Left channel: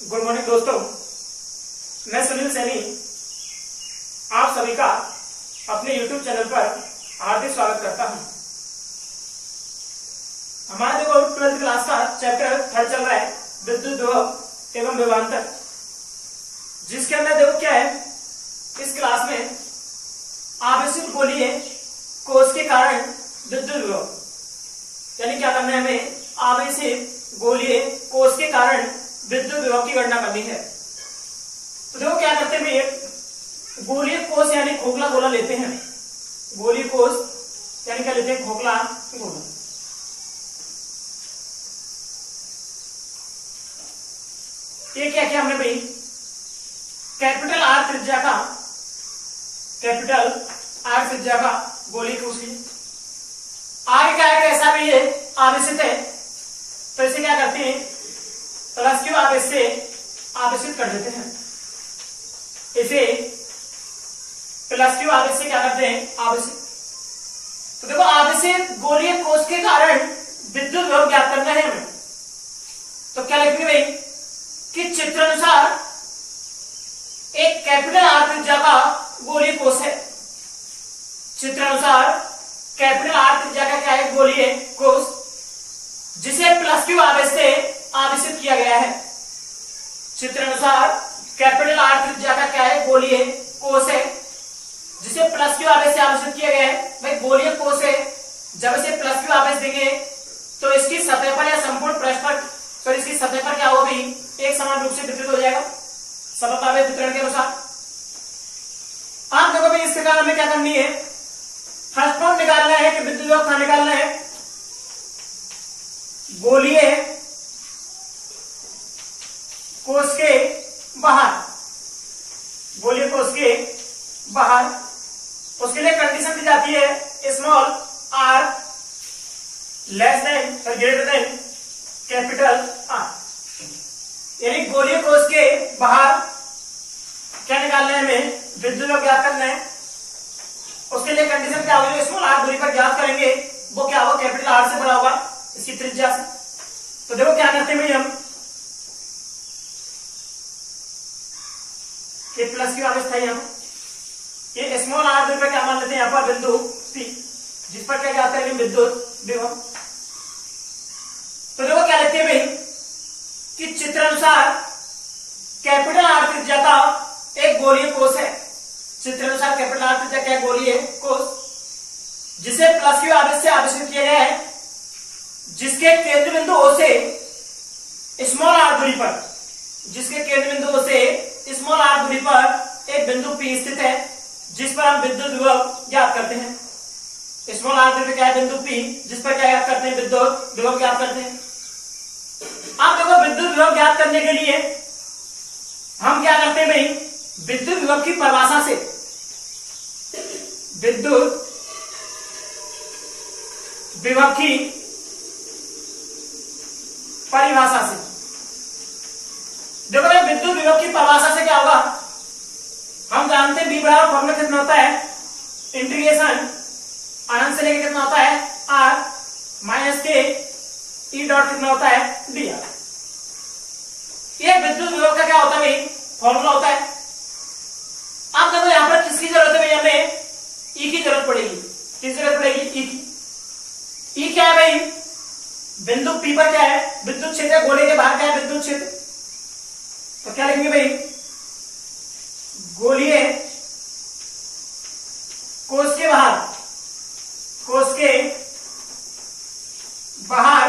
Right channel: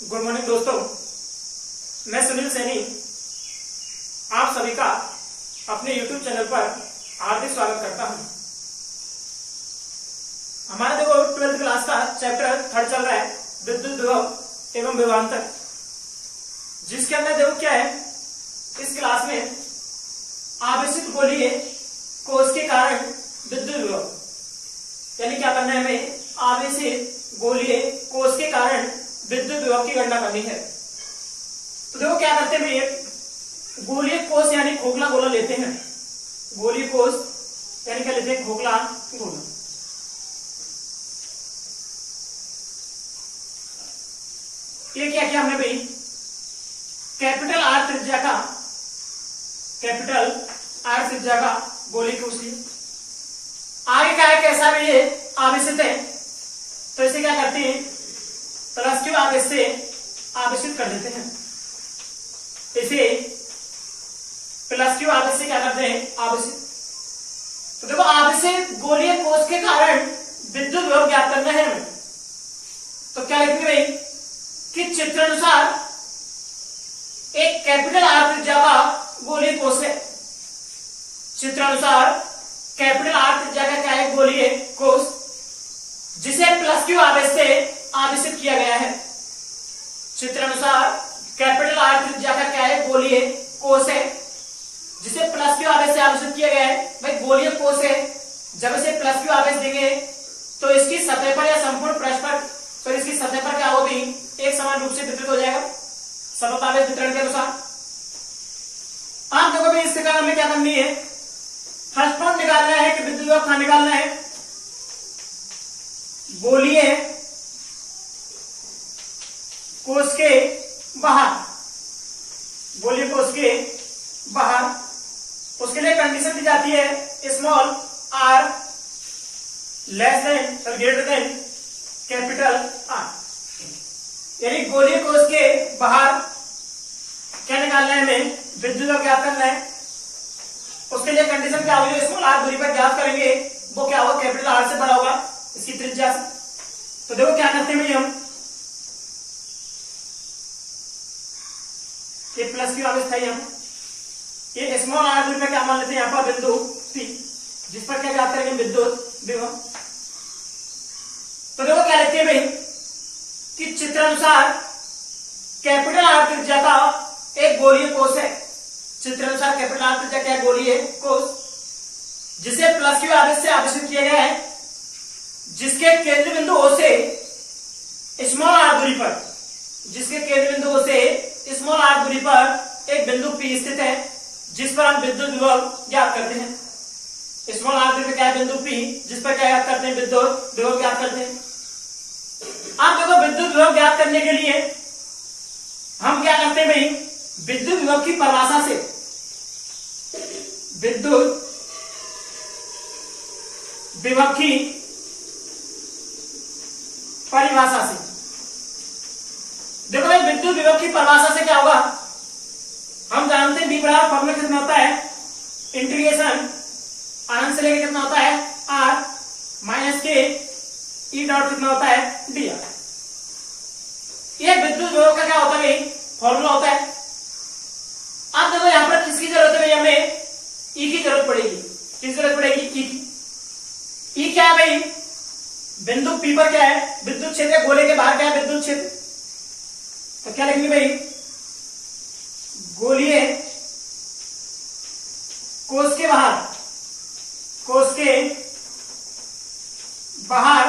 Good morning दोस्तों, मैं सुनील सैनी आप सभी का अपने YouTube चैनल पर हार्दिक स्वागत करता हूं। हमारा देखो 12th क्लास का चैप्टर 3 चल रहा है, विद्युत विभव एवं विभवांतर, जिसके अंदर देखो क्या है, इस क्लास में आवेशित गोलीय कोश के कारण विद्युत विभव, यानी क्या करना है हमें, आवेशित गोलीय कोश के कारण विद्युत विभव की गणना करनी है। तो देखो क्या करते हैं, गोलीय कोश यानी खोखला गोला लेते हैं। गोलीय कोश यानी क्या लेते हैं, खोखला गोला। ये क्या किया हमने भाई, कैपिटल आर त्रिज्या का गोलीय कोश लिया। आगे क्या है, कैसा भी है आवेशित है, तो इसे क्या करते हैं, प्लस क्यू आवेश से आवेशित कर देते हैं। इसे प्लस क्यू आवेश से क्या करते हैं, आवेशित। तो देखो आवेशित गोलीय कोश के कारण विद्युत विभव ज्ञात करना है हमें। तो क्या लिखेंगे भाई कि चित्रानुसार एक कैपिटल आर त्रिज्या का गोलीय कोश है। चित्रानुसार कैपिटल आर त्रिज्या का क्या है, गोलीय कोश, जिसे प्लस क्यू आवेश से आवेशित किया गया है। चित्रानुसार कैपिटल आर त्रिज्या का क्या है, गोलीय कोश है, जिसे प्लस क्यू आवेश से आवेशित किया गया है। भाई गोलीय कोश है, जब इसे प्लस क्यू आवेश देंगे तो इसकी सतह पर या संपूर्ण पृष्ठ पर, तो इसकी सतह पर क्या होगी, एक समान रूप से वितरित हो जाएगा समतावेश वितरण के अनुसार। आप देखो भाई, इसके कारण हमें क्या करनी है, फर्स्ट फॉर्म निकालना है कि विद्युत विभव कहां निकालना है, गोलीय कोश के बाहर, गोलीय कोश के बाहर। उसके लिए कंडीशन दी जाती है स्मॉल आर लेस देन और ग्रेटर देन कैपिटल आर, यानी गोलीय कोश के बाहर क्या निकालना है हमें, विद्युत विभव ज्ञात करना है। उसके लिए कंडीशन क्या होगी, स्मॉल आर दूरी पर ज्ञात करेंगे, वो क्या होगा, कैपिटल आर से बड़ा होगा इसकी त्रिज्या से। तो देखो क्या करते हैं भाई, हम ये प्लस क्यू आवेश था, यहाँ ये स्मॉल आर दूरी पर क्या मान लेते हैं, यहाँ पर बिंदु P, जिस पर क्या ज्ञात करेंगे, विद्युत विभव। तो देखो क्या लिखते हैं भाई कि चित्रानुसार कैपिटल आर त्रिज्या का एक गोलीय कोश है। चित्रानुसार कैपिटल आर त्रिज्या का गोलीय कोश, जिसे प्लस क्यू आवेश से आवेशित किया गया है, जिसके केंद्र बिंदु O से स्मॉल आर दूरी पर, जिसके केंद्र बिंदु O से स्मॉल आर दूरी पर एक बिंदु P स्थित है, जिस पर हम विद्युत विभव ज्ञात करते हैं। स्मॉल आर दूरी पर क्या है, बिंदु P, जिस पर क्या ज्ञात करते हैं, विद्युत विभव ज्ञात करते हैं। आप देखो विद्युत विभव ज्ञात करने के लिए हम क्या करते हैं भाई, विद्युत विभव की परिभाषा से, विद्युत विभव की परिभाषा से, देखो भाई विद्युत विभव की परिभाषा से क्या होगा, हम जानते हैं V बराबर फॉर्मूला कितना होता है, इंटीग्रेशन अनंत से लेकर कितना होता है, R माइनस के E डॉट कितना होता है, dr। ये विद्युत विभव का क्या होता है भाई, फॉर्मूला होता है। आप देखो यहां पर किसकी जरूरत है भाई, हमें E की जरूरत पड़ेगी। किसकी जरूरत पड़ेगी, E की। E क्या है भाई, बिंदु P पर क्या है, विद्युत क्षेत्र, गोले के बाहर क्या है, विद्युत क्षेत्र। तो क्या लिखेंगे भाई, गोलीय कोश के बाहर, कोश के बाहर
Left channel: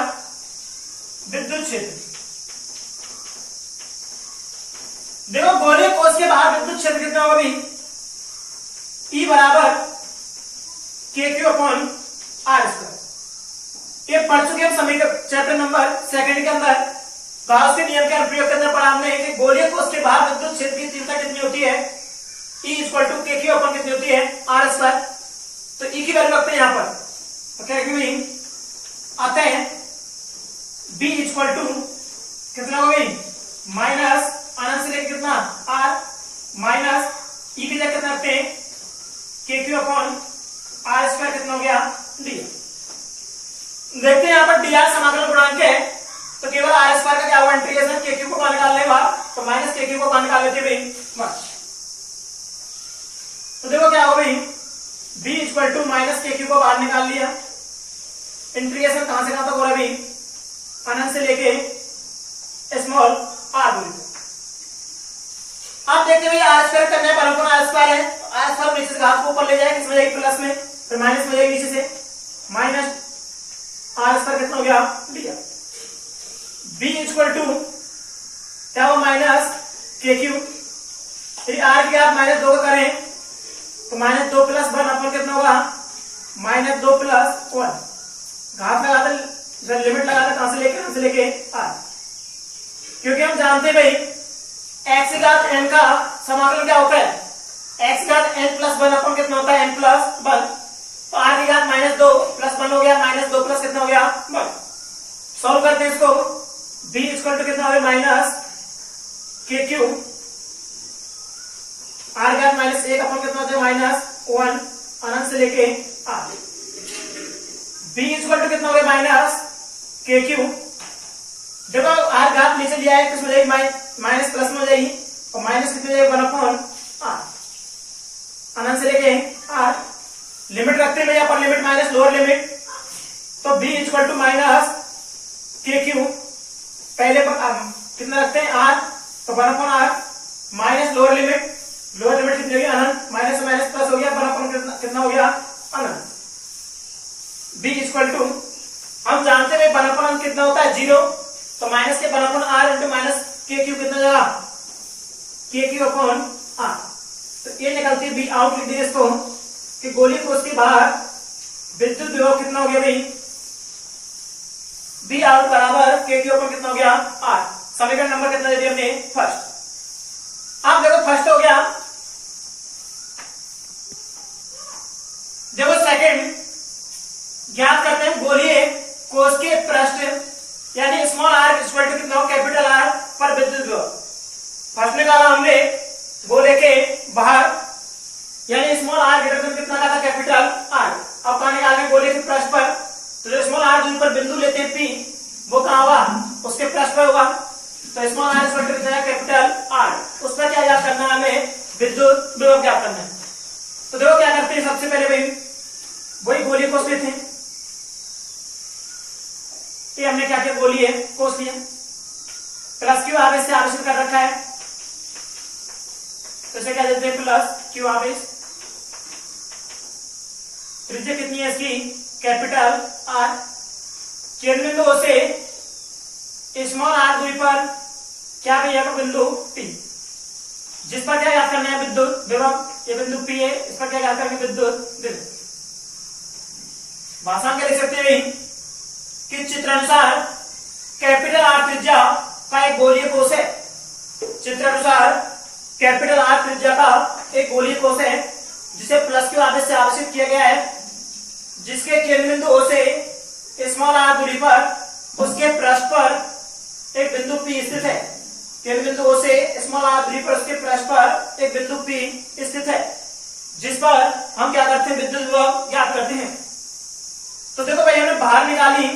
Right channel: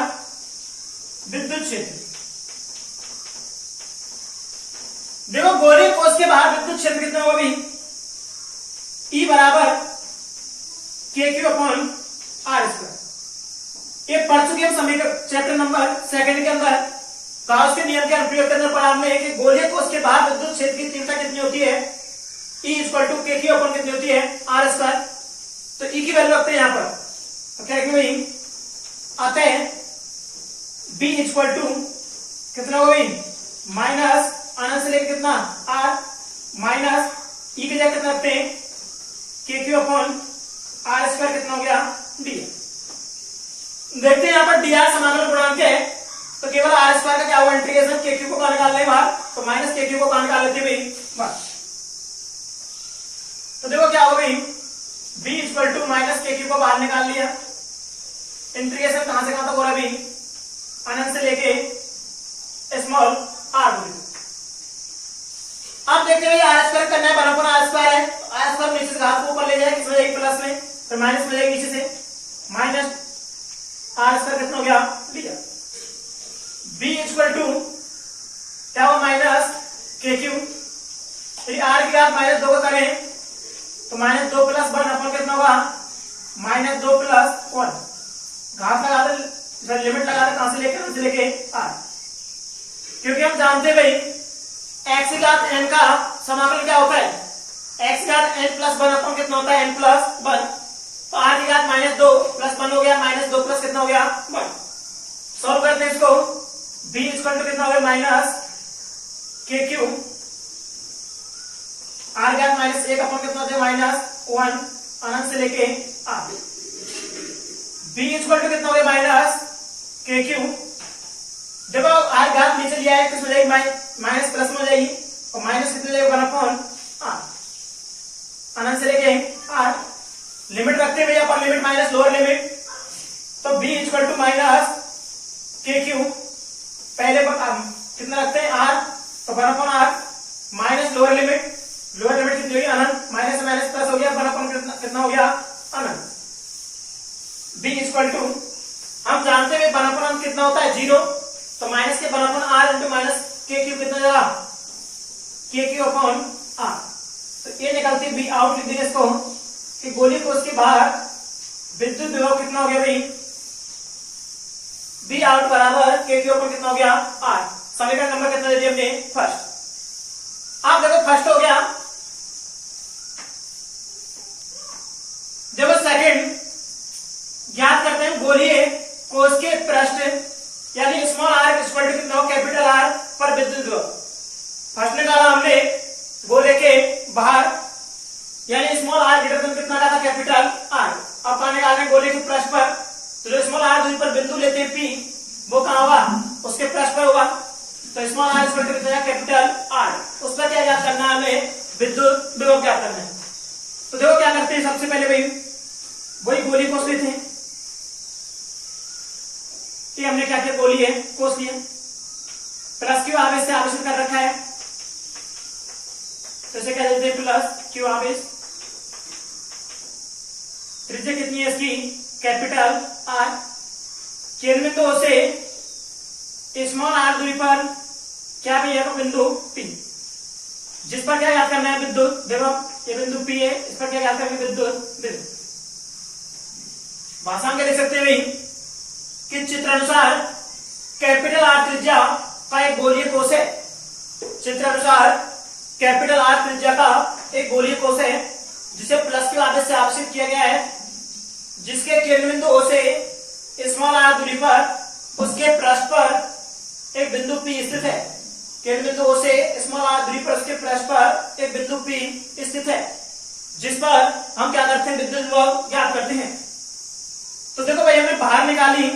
विद्युत क्षेत्र। देखो गोलीय कोश के बाहर विद्युत क्षेत्र कितना होगा भाई, E बराबर KQ/R²। ये पढ़ चुके हम समीकरण चैप्टर नंबर 2 के अंदर। गाउस के नियम के अनुप्रयोग करने पर हमने कि गोलीय कोश के बाहर विद्युत क्षेत्र की तीव्रता कितनी होती है, E = KQ/ कितनी होती है, R²। तो E की वैल्यू रखते हैं यहां पर, तो क्या लिखेंगे भाई, अतः B = कितना होगा भाई, माइनस अनंत से लेकर कितना, R माइनस E की जगह कितना रखते हैं, KQ/R² कितना हो गया, dr। देखते हैं यहाँ पर dr समाकलन गुणांक है, तो केवल R² का क्या होगा, इंटीग्रेशन KQ को निकालने के बाद तो माइनस के क्यू को बाहर निकाल लेते भाई बस। तो देखो क्या होगा भाई, b equal to minus K Q को बाहर निकाल लिया, इंटीग्रेशन कहां से कहां तक हो रहा है भाई, अनंत से लेके स्मॉल r दूरी। अब देखते हैं आर स्क्वायर करना है, बराबर आर स्क्वायर है, आर स्क्वायर नीचे से घात को ऊपर ले जाए, किस में जाएगी प्लस में, फिर माइनस में जाएगी नीचे से, माइनस आर स्क्वायर कितना हो गया लिया। b इक्वल टू क्या हो माइनस के क्यू, यदि आर की घात माइनस 2 का करें तो माइनस 2 प्लस 1 अपन कितना होगा माइनस 2 प्लस 1, घात लगा दे लिमिट लगा दे कहां से लेके आर, क्योंकि हम जानते हैं भाई x की घात n का समाकलन क्या होता है, x की घात n प्लस 1 अपन कितना होता है n प्लस 1, तो r की घात माइनस 2 प्लस 1 हो गया, माइनस 2 प्लस कितना हो गया 1। सॉल्व करते हैं इसको, b इक्वल टू कितना हो गया माइनस के क्यू, r की घात माइनस 1 अपन कितना होता है माइनस 1 अनंत से लेके r, b इक्वल टू कितना हो गया माइनस के क्यू, जब r घात नीचे लिया है तो इसमें जाएगी माइनस प्लस में हो जाएगी, और माइनस कितने जाएगी 1 अपॉन r अनंत से लेके r, लिमिट रखते हैं यहाँ पर लिमिट माइनस लोअर लिमिट, तो b equal to minus K Q, पहले कितना रखते हैं r, तो 1 upon r minus lower limit कितनी होगी अनंत, माइनस माइनस प्लस हो गया 1 अपॉन कितना हो गया अनंत। b इक्वल टू हम जानते हैं 1 अपॉन कितना होता है 0, तो माइनस के 1 upon r into minus K Q कितना जाएगा के क्यू अपॉन r, तो ये निकलती है b आउट, लिख देंगे इसको कि गोली को उसके बाहर विद्युत विभव कितना हो गया भाई, b आउट बराबर के क्यू अपॉन कितना हो गया r। समीकरण नंबर कितना दे दिया हमने फर्स्ट। आप देखो फर्स्ट हो गया, देखो सेकंड ज्ञात करते हैं गोलीय कोश के पृष्ठ यानी स्मॉल r इक्वल टू कितना हो कैपिटल R पर विद्युत विभव। फर्स्ट निकाला हमने गोले के बाहर यानी स्मॉल r ग्रेटर देन कितना का था कैपिटल R, अब पाने निकालने गोले के पृष्ठ पर, तो जो स्मॉल r दूरी पर बिंदु लेते हैं P वो कहां होगा उसके पृष्ठ पर होगा, तो स्मॉल r इक्वल टू कितना कैपिटल R, उस पर क्या ज्ञात करना है हमें विद्युत विभव ज्ञात करना है। तो देखो क्या करते हैं, सबसे पहले भाई वही गोली कोश लेते हैं, ये हमने क्या किया गोली है कोश लिया, प्लस क्यू आवेश से आवेशित कर रखा है, तो इसे क्या देते हैं प्लस क्यू आवेश, त्रिज्या कितनी है इसकी कैपिटल R, केंद्र बिंदु से स्मॉल r दूरी पर क्या भी है बिंदु P, जिस पर क्या याद करना है विद्युत विभव, ये बिंदु P है, इस पर क्या याद करना है विद्युत विभव। भाषा के लिख सकते हैं कि चित्रानुसार कैपिटल R त्रिज्या का एक गोलीय कोश है, चित्रानुसार कैपिटल R त्रिज्या का एक गोलीय कोश है जिसे प्लस क्यू आवेश से आवेशित किया गया है, जिसके केंद्र बिंदु O से स्मॉल r दूरी पर उसके पृष्ठ पर एक बिंदु P स्थित है, केंद्र बिंदु O से स्मॉल r दूरी पर उसके पृष्ठ पर एक बिंदु P स्थित है, जिस पर हम क्या करते हैं विद्युत विभव ज्ञात करते हैं। तो देखो भाई हमने बाहर निकाली,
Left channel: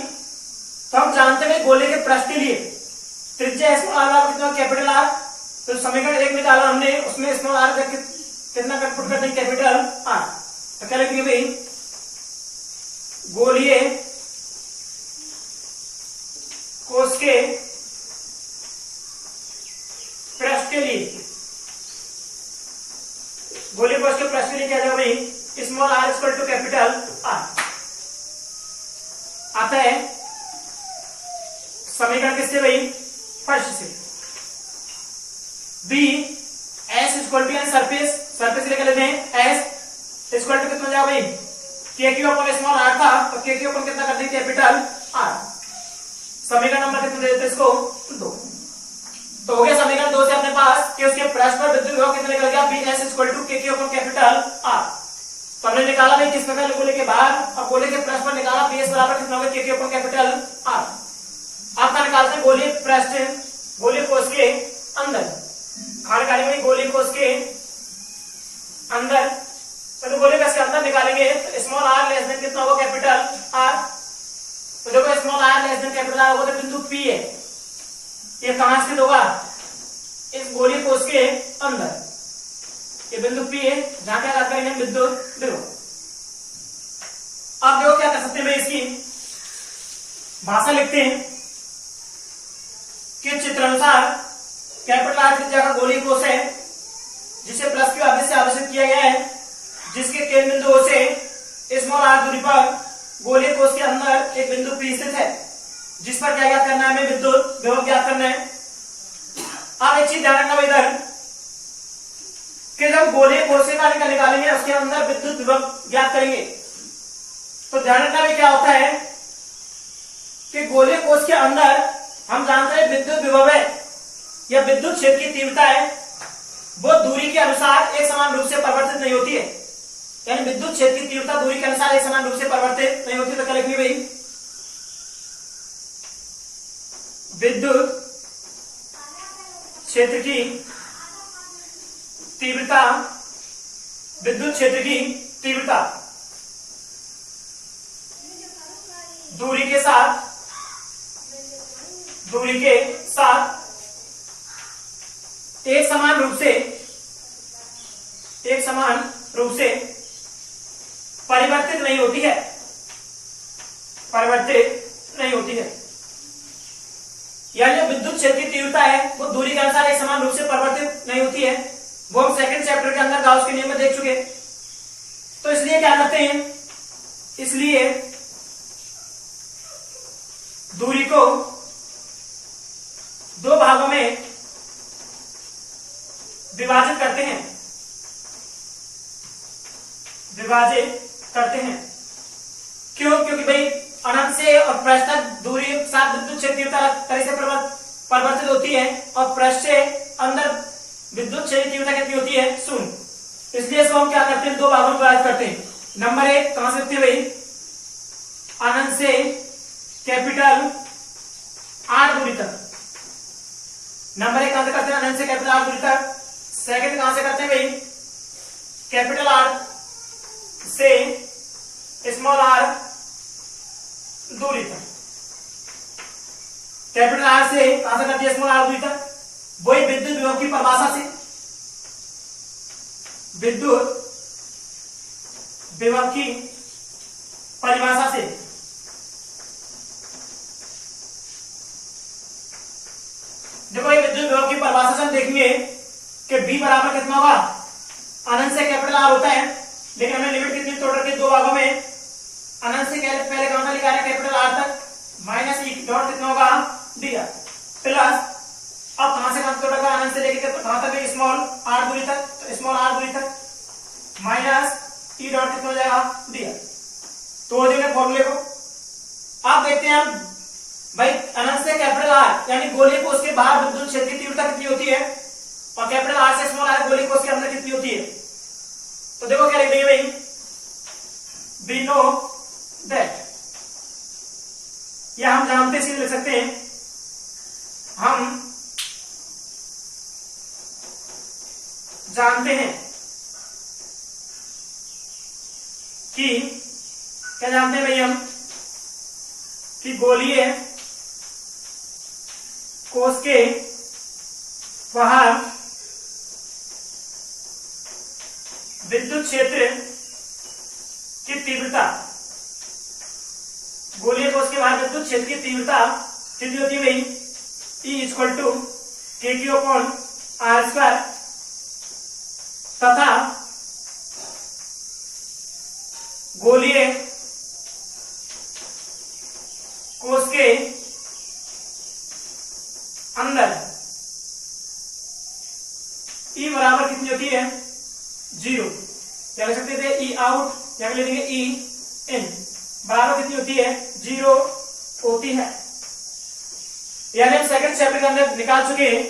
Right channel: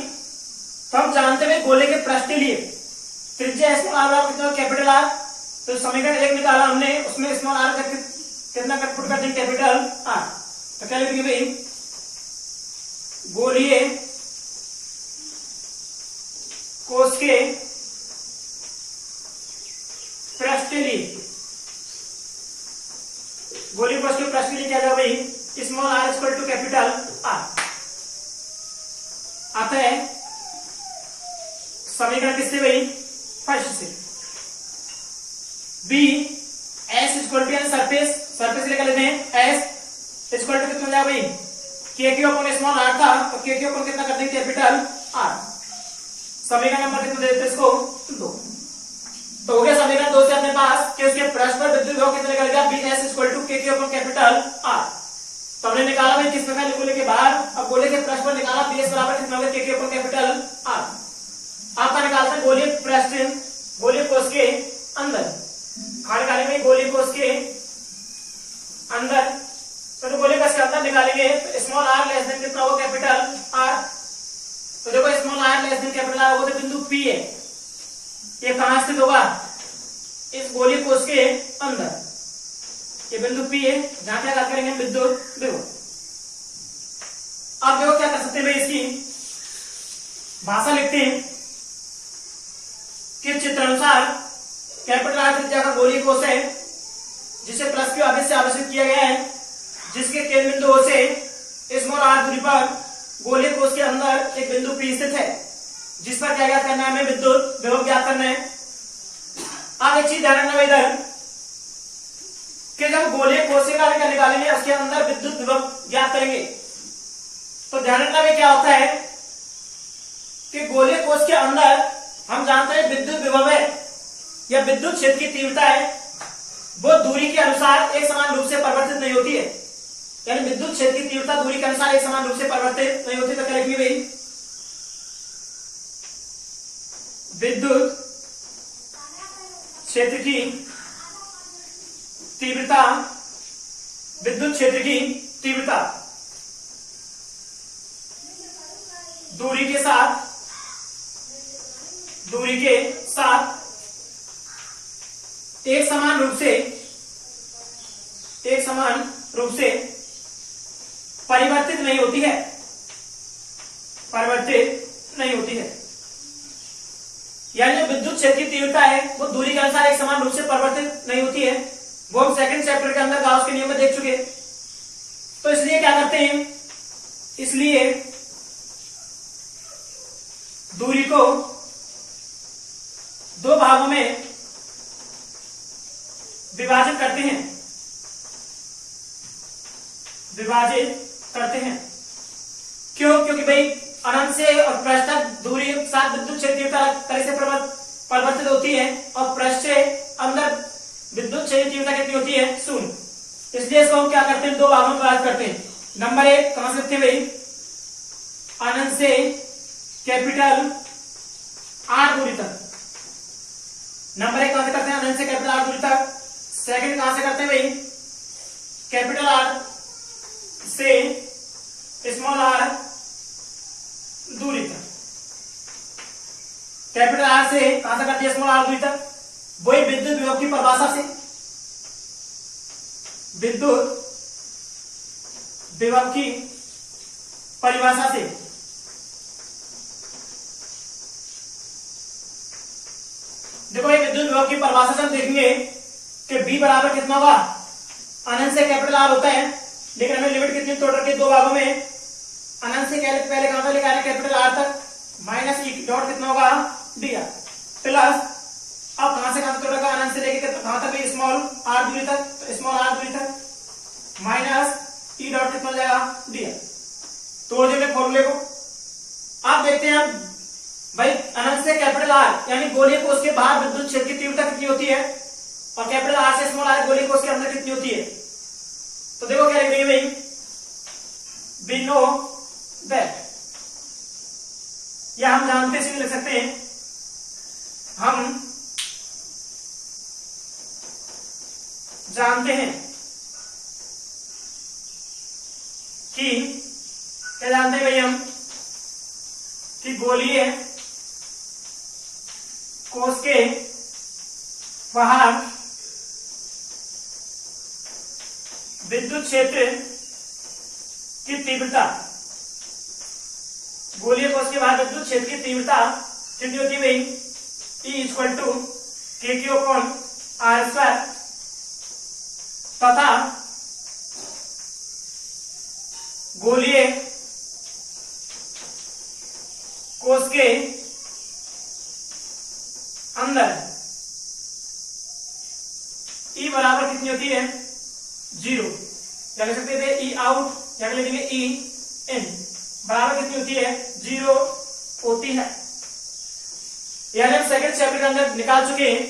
तो हम जानते हैं गोले के पृष्ठ के लिए त्रिज्या स्मॉल r कितना कैपिटल R, तो समीकरण 1 निकाला हमने, उसमें स्मॉल r का कितना पुट कर देंगे कैपिटल R, तो क्या लिखेंगे भाई गोलीय कोश के पृष्ठ के लिए, गोलीय कोश के पृष्ठ के लिए क्या जाएगा भाई small r equal to capital R। आता है समीकरण किससे भाई फर्स्ट से, b s equal to surface, surface लेकर लेते हैं s इक्वल टू कितना जाएगा भाई के क्यू अपॉन स्मॉल r था, तो के क्यू अपॉन कितना कर देंगे कैपिटल R। समीकरण नंबर कितना देते हैं इसको 2, तो हो गया समीकरण 2 से अपने पास कि उसके पृष्ठ पर विद्युत विभव कितना निकल गया b s इक्वल टू के क्यू अपॉन कैपिटल R। तो हमने निकाला भाई किस प्रकार गोले के बाहर, अब गोले के पृष्ठ पर निकाला b s बराबर कितना होगा के क्यू अपॉन कैपिटल R। आपका निकालते हैं गोले पृष्ठ गोले कोश के अंदर, खाली खाली में गोले कोश के अंदर, तो गोले कोश के अंदर निकालेंगे तो स्मॉल r लेस देन कितना होगा कैपिटल R, तो देखो small r less than capital R होगा तो बिंदु P है, ये कहां स्थित होगा इस गोलीय कोष के अंदर ये बिंदु P है जहां क्या बात करेंगे विद्युत विभव। अब देखो क्या कर सकते हैं, इसकी भाषा लिखते हैं कि चित्रानुसार कैपिटल आर त्रिज्या का गोलीय कोष है जिसे प्लस क्यू आवेश से आवेशित किया गया है, जिसके केंद्र बिंदुओं से स्मॉल आर दूरी पर गोलीय कोष के अंदर एक बिंदु P स्थित है जिस पर क्या ज्ञात करना है, हमें विद्युत विभव ज्ञात करना है। अब एक चीज ध्यान रखना इधर कि जब गोलीय कोष का निकालेंगे उसके अंदर विद्युत विभव ज्ञात करेंगे तो ध्यान रखना में क्या होता है कि गोलीय कोष के अंदर हम जानते हैं विद्युत विभव है या विद्युत क्षेत्र की तीव्रता है वो दूरी के अनुसार एक समान रूप से परिवर्तित नहीं होती है, यानी विद्युत क्षेत्र की तीव्रता दूरी के अनुसार एक समान रूप से परिवर्तित नहीं होती। तो क्या लिखेंगे भाई, विद्युत क्षेत्र की तीव्रता, विद्युत क्षेत्र की तीव्रता दूरी के साथ एक समान रूप से परिवर्तित नहीं होती है, यानी विद्युत क्षेत्र की तीव्रता है वो दूरी के अनुसार एक समान रूप से परिवर्तित नहीं होती है। वो हम सेकंड चैप्टर के अंदर गाउस के नियम में देख चुके। तो इसलिए क्या करते हैं, इसलिए दूरी को दो भागों में विभाजित करते हैं। क्यों? क्योंकि भाई अनंत से और पृष्ठ तक दूरी साथ विद्युत क्षेत्र तरह से परिवर्तित होती है और पृष्ठ से अंदर विद्युत क्षेत्र तीव्रता कितनी होती है, 0। इसलिए इसको हम क्या करते हैं, दो भागों में विभाजित करते हैं। नंबर 1 कहां से लिखते हैं भाई, अनंत से कैपिटल आर दूरी तक। नंबर 1 कहां से करते हैं, अनंत से कैपिटल आर दूरी तक। सेकंड कहां से करते हैं भाई, कैपिटल आर से स्मॉल आर दूरी तक। कैपिटल आर से कहां से करते हैं, स्मॉल आर दूरी तक। वही विद्युत विभव की परिभाषा से, विद्युत विभव की परिभाषा से देखो ये विद्युत विभव की परिभाषा से हम देखेंगे कि B बराबर कितना होगा, अनंत से कैपिटल आर होता है लेकिन हमें लिमिट कितनी तोड़ रखी है, दो भागों में। अनंत से पहले कहां से लिखा है, कैपिटल आर तक, माइनस ई डॉट कितना होगा, दिया, प्लस अब कहां से कहां तोड़ रखा, अनंत से लेकर कहां तक, स्मॉल आर दूरी तक, तो स्मॉल आर दूरी तक माइनस ई डॉट कितना हो जाएगा, दिया। तो जो फॉर्मूले को आप देखते हैं हम भाई, अनंत से कैपिटल आर यानी गोलीय कोष के बाहर विद्युत क्षेत्र की तीव्रता कितनी होती है और कैपिटल आर से स्मॉल आर गोलीय कोष के अंदर कितनी होती है। तो देखो क्या लिख रही है भाई, वी नो दैट, या हम जानते से लिख सकते हैं, हम जानते हैं कि, क्या जानते हैं भाई हम, कि गोलीय कोष के बाहर विद्युत क्षेत्र की तीव्रता, गोलीय कोष के बाहर विद्युत क्षेत्र की तीव्रता कितनी होती है भाई, E इक्वल टू के क्यू अपॉन आर स्क्वायर, तथा गोलीय कोष के अंदर E बराबर कितनी होती है, 0। क्या लिख सकते थे, E आउट, या लिख देंगे E इन, बराबर कितनी होती है, 0 होती है। यानी हम सेकंड चैप्टर के अंदर निकाल चुके हैं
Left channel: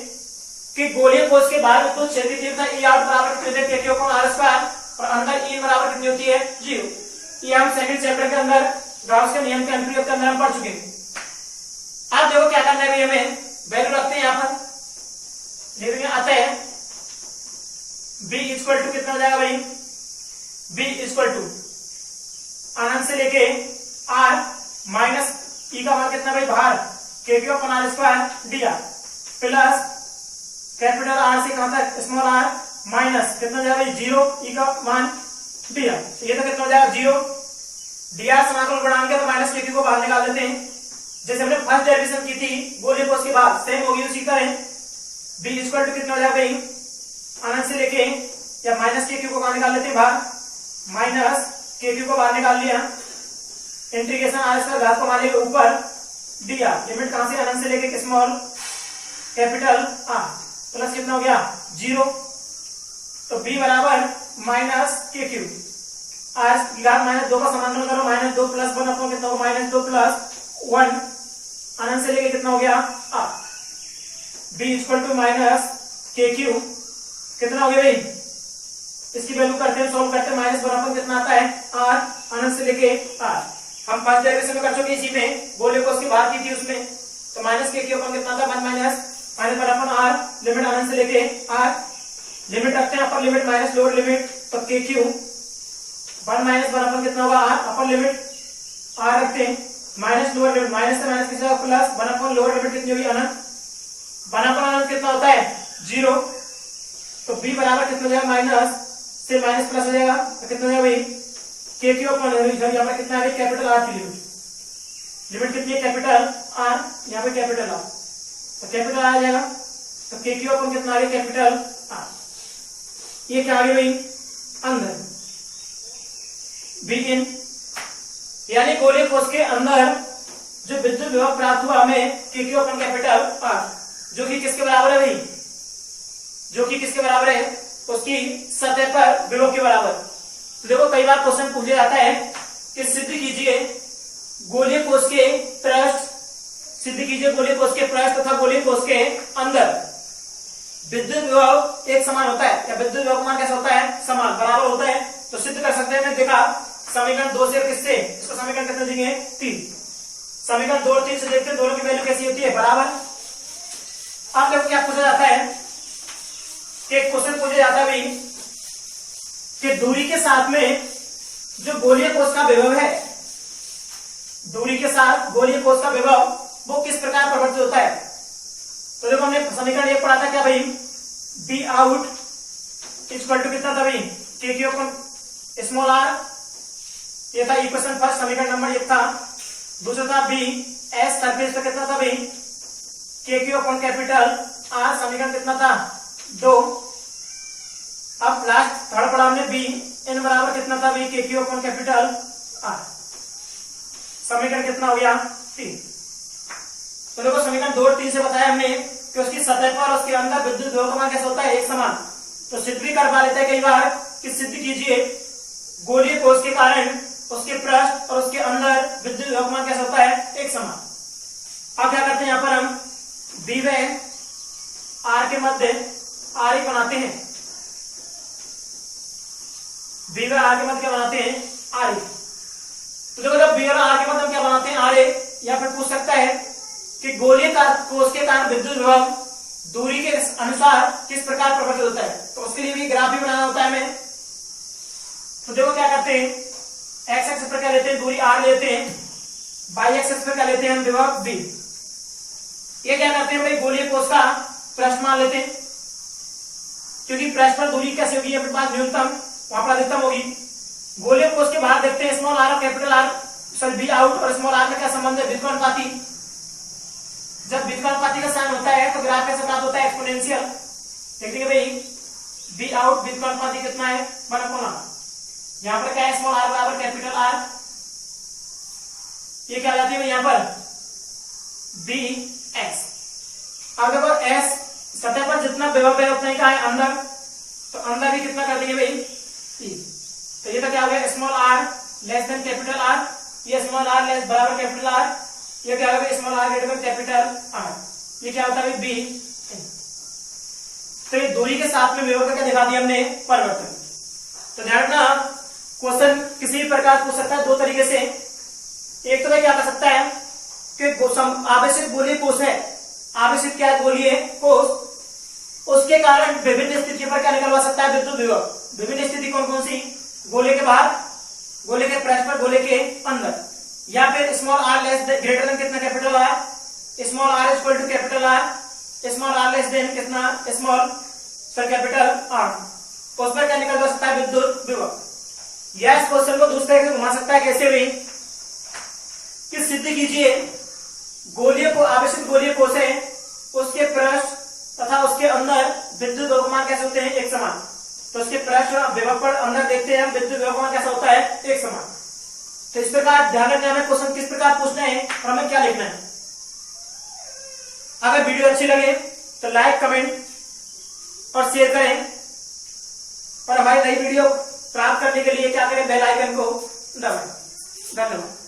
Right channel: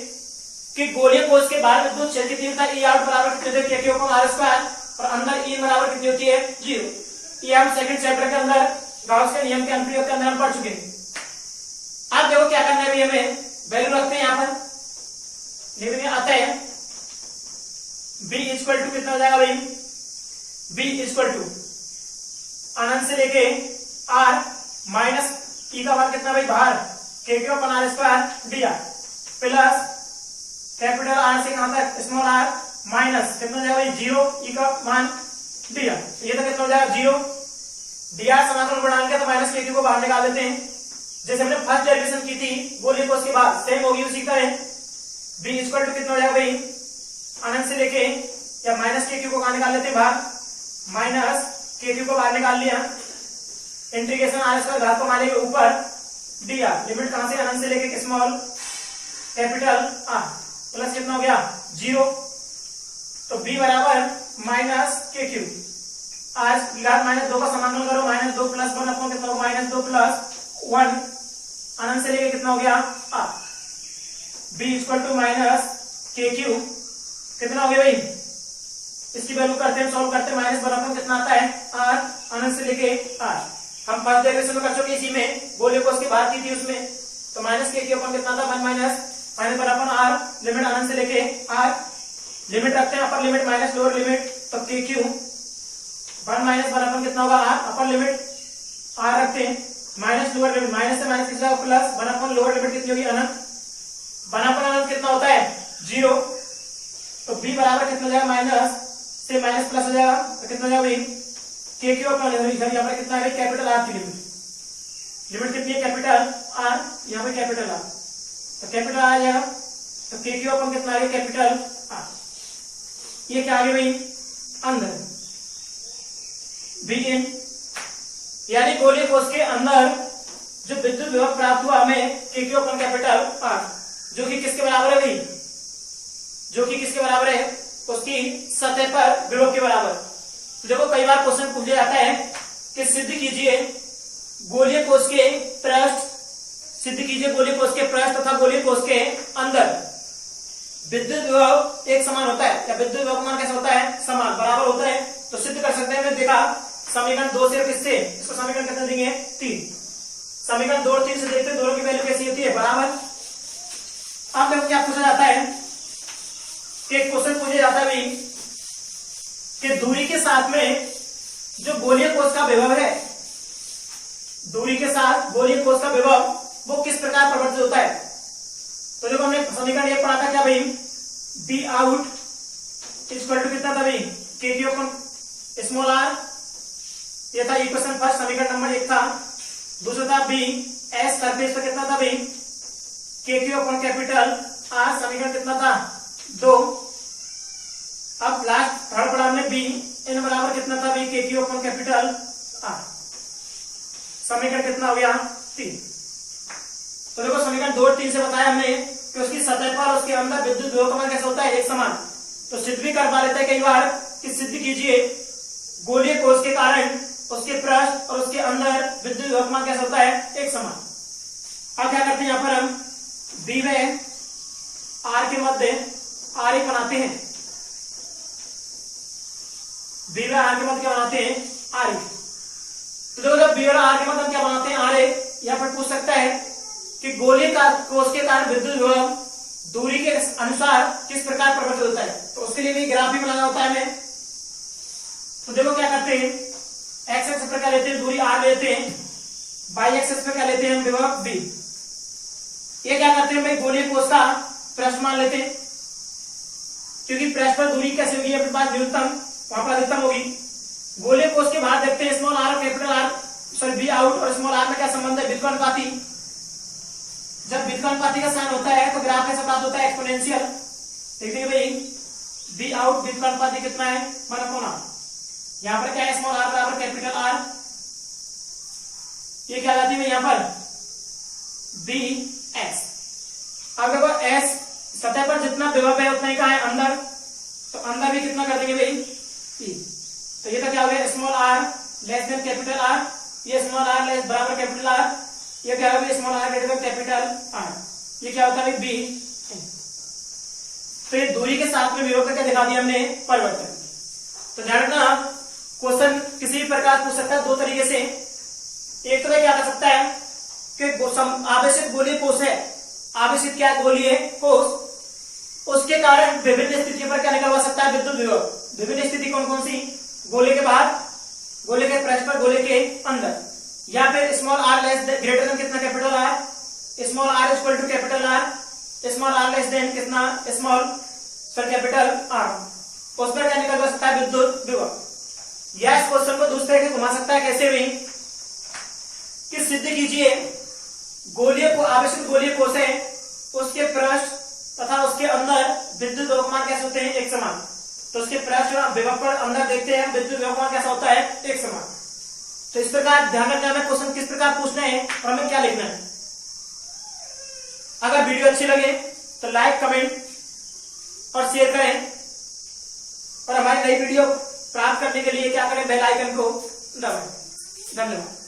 कि गोलीय कोष के बाहर विद्युत क्षेत्र की तीव्रता E आउट बराबर कितनी होती है, के क्यू अपॉन आर स्क्वायर, और अंदर E बराबर कितनी होती है, 0। ये हम सेकंड चैप्टर के अंदर गाउस के नियम के एम्पीयर के अंदर हम पढ़ चुके हैं। अब देखो क्या करना है, हमें वैल्यू रखते हैं यहां पर, देखिए आता है B इक्वल टू कितना हो जाएगा भाई, B इक्वल टू अनंत से लेके R माइनस E का मान कितना भाई, बाहर के क्यू अपॉन आर स्क्वायर दिया, प्लस कैपिटल आर से कहां तक स्मॉल आर माइनस कितना हो जाएगा 0 ई का मान डी आर, ये तो कितना हो जाएगा 0 डी आर समाकलन बढ़ा के तो माइनस के क्यू को बाहर निकाल देते हैं। जैसे हमने फर्स्ट डेरिवेशन की थी गोली को, उसके बाद सेम होगी उसी का है। बी इक्वल टू कितना हो जाएगा भाई अनंत से लेके या माइनस के क्यू को बाहर निकाल लेते हैं बाहर, माइनस के क्यू को बाहर निकाल लिया, इंटीग्रेशन आर स्क्वायर घात को मान लेंगे ऊपर डी आर, लिमिट कहां से अनंत से लेके स्मॉल कैपिटल आर, प्लस कितना हो गया 0, तो b बराबर माइनस के क्यू, आज यार माइनस 2 का समाकलन करो, माइनस 2 प्लस 1 अपॉन कितना होगा माइनस 2 प्लस 1 अनंत से लेके कितना हो गया R, b equal to minus K Q कितना हो गया भाई, इसकी वैल्यू करते हैं सॉल्व करते हैं, माइनस 1 अपॉन कितना आता है आर अनंत से लेके आर, हम फर्स्ट डेरिवेशन में कर चुके इसी में, गोले को उसके बाहर की थी उसमें, तो माइनस के क्यू अपॉन कितना था 1 minus minus 1 upon R, limit अनंत से लेके आर, लिमिट रखते हैं upper limit minus lower limit, तो के क्यू 1 माइनस 1 अपॉन कितना होगा आर, अपर लिमिट आर रखते हैं, माइनस लोअर लिमिट, माइनस से माइनस कितना होगा प्लस 1 अपॉन लोअर लिमिट कितनी होगी अनंत, 1 अपॉन अनंत कितना होता है 0, तो b बराबर कितना हो जाएगा माइनस से माइनस प्लस हो जाएगा, तो कितना हो जाएगा भाई के क्यू अपॉन यहाँ पर कितना है कैपिटल आर की लिमिट, लिमिट कितनी है कैपिटल आर, यहाँ पे कैपिटल आर, तो कैपिटल आ जाएगा, तो के क्यू अपॉन कितना आ गया कैपिटल आर, ये क्या आ गया भाई अंदर बी इन, यानी गोले कोष के अंदर जो विद्युत विभव प्राप्त हुआ हमें के क्यू अपॉन कैपिटल आर, जो कि किसके बराबर है भाई, जो कि किसके बराबर है उसकी सतह पर विभव के बराबर। तो देखो कई बार क्वेश्चन पूछा जाता है कि सिद्ध कीजिए गोलीय कोष के पृष्ठ, सिद्ध कीजिए गोलीय कोष के पृष्ठ तथा गोलीय कोष के अंदर विद्युत विभव एक समान होता है, या विद्युत विभव का मान कैसा होता है समान बराबर होता है, तो सिद्ध कर सकते हैं। मैंने देखा समीकरण 2 से किससे, इसको समीकरण कितने देंगे 3, समीकरण 2 और 3 से देखते हैं दोनों की वैल्यू कैसी होती है बराबर। अब देखो क्या पूछा जाता है कि क्वेश्चन पूछा जाता है भाई कि दूरी के साथ में जो गोलीय कोष का विभव है, दूरी के साथ गोलीय कोष का विभव वो किस प्रकार परिवर्तित होता है। तो देखो हमने समीकरण ये पढ़ा था क्या भाई, बी आउट इक्वल टू कितना था भाई के क्यू अपॉन स्मॉल आर, ये था इक्वेशन फर्स्ट समीकरण नंबर 1 था। दूसरा था बी एस सरफेस पे कितना था भाई के क्यू अपॉन कैपिटल आर, समीकरण कितना था 2। अब लास्ट थर्ड पढ़ा हमने बी एन बराबर कितना था भाई के क्यू अपॉन कैपिटल आर, समीकरण कितना हो गया 3। तो देखो समीकरण 2 और 3 से बताया हमने कि उसकी सतह पर और उसके अंदर विद्युत विभव का मान कैसा होता है एक समान। तो सिद्ध भी कर पा लेते हैं कई बार कि सिद्ध कीजिए गोलीय कोष के कारण उसके पृष्ठ और उसके अंदर विद्युत विभव का मान कैसा होता है एक समान। अब क्या करते हैं यहाँ पर हम बी व आर के मध्य आर एक बनाते हैं, बी व आर के मध्य क्या बनाते हैं आर एक। तो देखो जब बी और आर के मध्य क्या बनाते हैं आर एक, या फिर पूछ सकता है कि गोलीय कोष के कारण विद्युत विभव दूरी के अनुसार किस प्रकार परिवर्तित होता है, तो उसके लिए भी ग्राफ भी बनाना होता है हमें। तो देखो क्या करते हैं एक्स एक्सिस पर क्या लेते हैं दूरी आर लेते हैं, वाई एक्सिस पर क्या लेते हैं हम विभव बी। ये क्या करते हैं भाई गोलीय कोष का पृष्ठ मान लेते हैं, क्योंकि पृष्ठ पर दूरी कैसे होगी अपने पास न्यूनतम वहां पर अधिकतम होगी। गोलीय कोष के बाहर देखते हैं स्मॉल आर और capital R, sorry be out और स्मॉल आर में क्या संबंध है व्युत्क्रमानुपाती। जब व्युत्क्रमानुपाती का साइन होता है तो ग्राफ कैसे प्राप्त होता है एक्सपोनेंशियल। देखिए भाई बी आउट व्युत्क्रमानुपाती कितना है 1/r, यहाँ पर क्या है स्मॉल आर बराबर कैपिटल आर, ये क्या जाती है यहाँ पर बी एस। अब देखो एस सतह पर जितना विभव है उतना ही का है अंदर, तो अंदर भी कितना कर देंगे भाई ई। तो ये तो क्या हो गया small R less than capital R, ये स्मॉल आर लेस बराबर कैपिटल आर, ये क्या होगा small R greater than capital R, ये क्या होता है बी। तो ये दूरी के साथ में विभव का क्या दिखा दिया हमने परिवर्तन। तो ध्यान रखना क्वेश्चन किसी भी प्रकार पूछ सकता है दो तरीके से। एक तो भाई क्या कर सकता है कि आवेशित गोलीय कोष है, आवेशित क्या गोलीय कोष, उसके कारण विभिन्न स्थितियों पर क्या निकलवा सकता है विद्युत विभव। विभिन्न स्थिति कौन कौन सी, गोले के बाहर, गोले के पृष्ठ पर, गोले के अंदर, या फिर small R less greater than कितना capital R, small R equal to capital R, small R less than कितना स्मॉल सर कैपिटल आर, उसमें क्या निकल सकता है विद्युत विभव। गैस क्वेश्चन को दूसरे के घुमा सकता है कैसे भी कि सिद्ध कीजिए गोलीय को आवेशित गोलीय कोश है उसके पृष्ठ तथा उसके अंदर विद्युत द्रव्यमान कैसे होते हैं एक समान। तो उसके पृष्ठ विभव पर अंदर देखते हैं हम विद्युत द्रव्यमान कैसा होता है एक समान। तो इस प्रकार ध्यान रखना हमें क्वेश्चन किस प्रकार पूछना है और हमें क्या लिखना है। अगर वीडियो अच्छी लगे तो लाइक कमेंट और शेयर करें और हमारी नई वीडियो प्राप्त करने के लिए क्या करें बेल आइकन को दबाएं। धन्यवाद।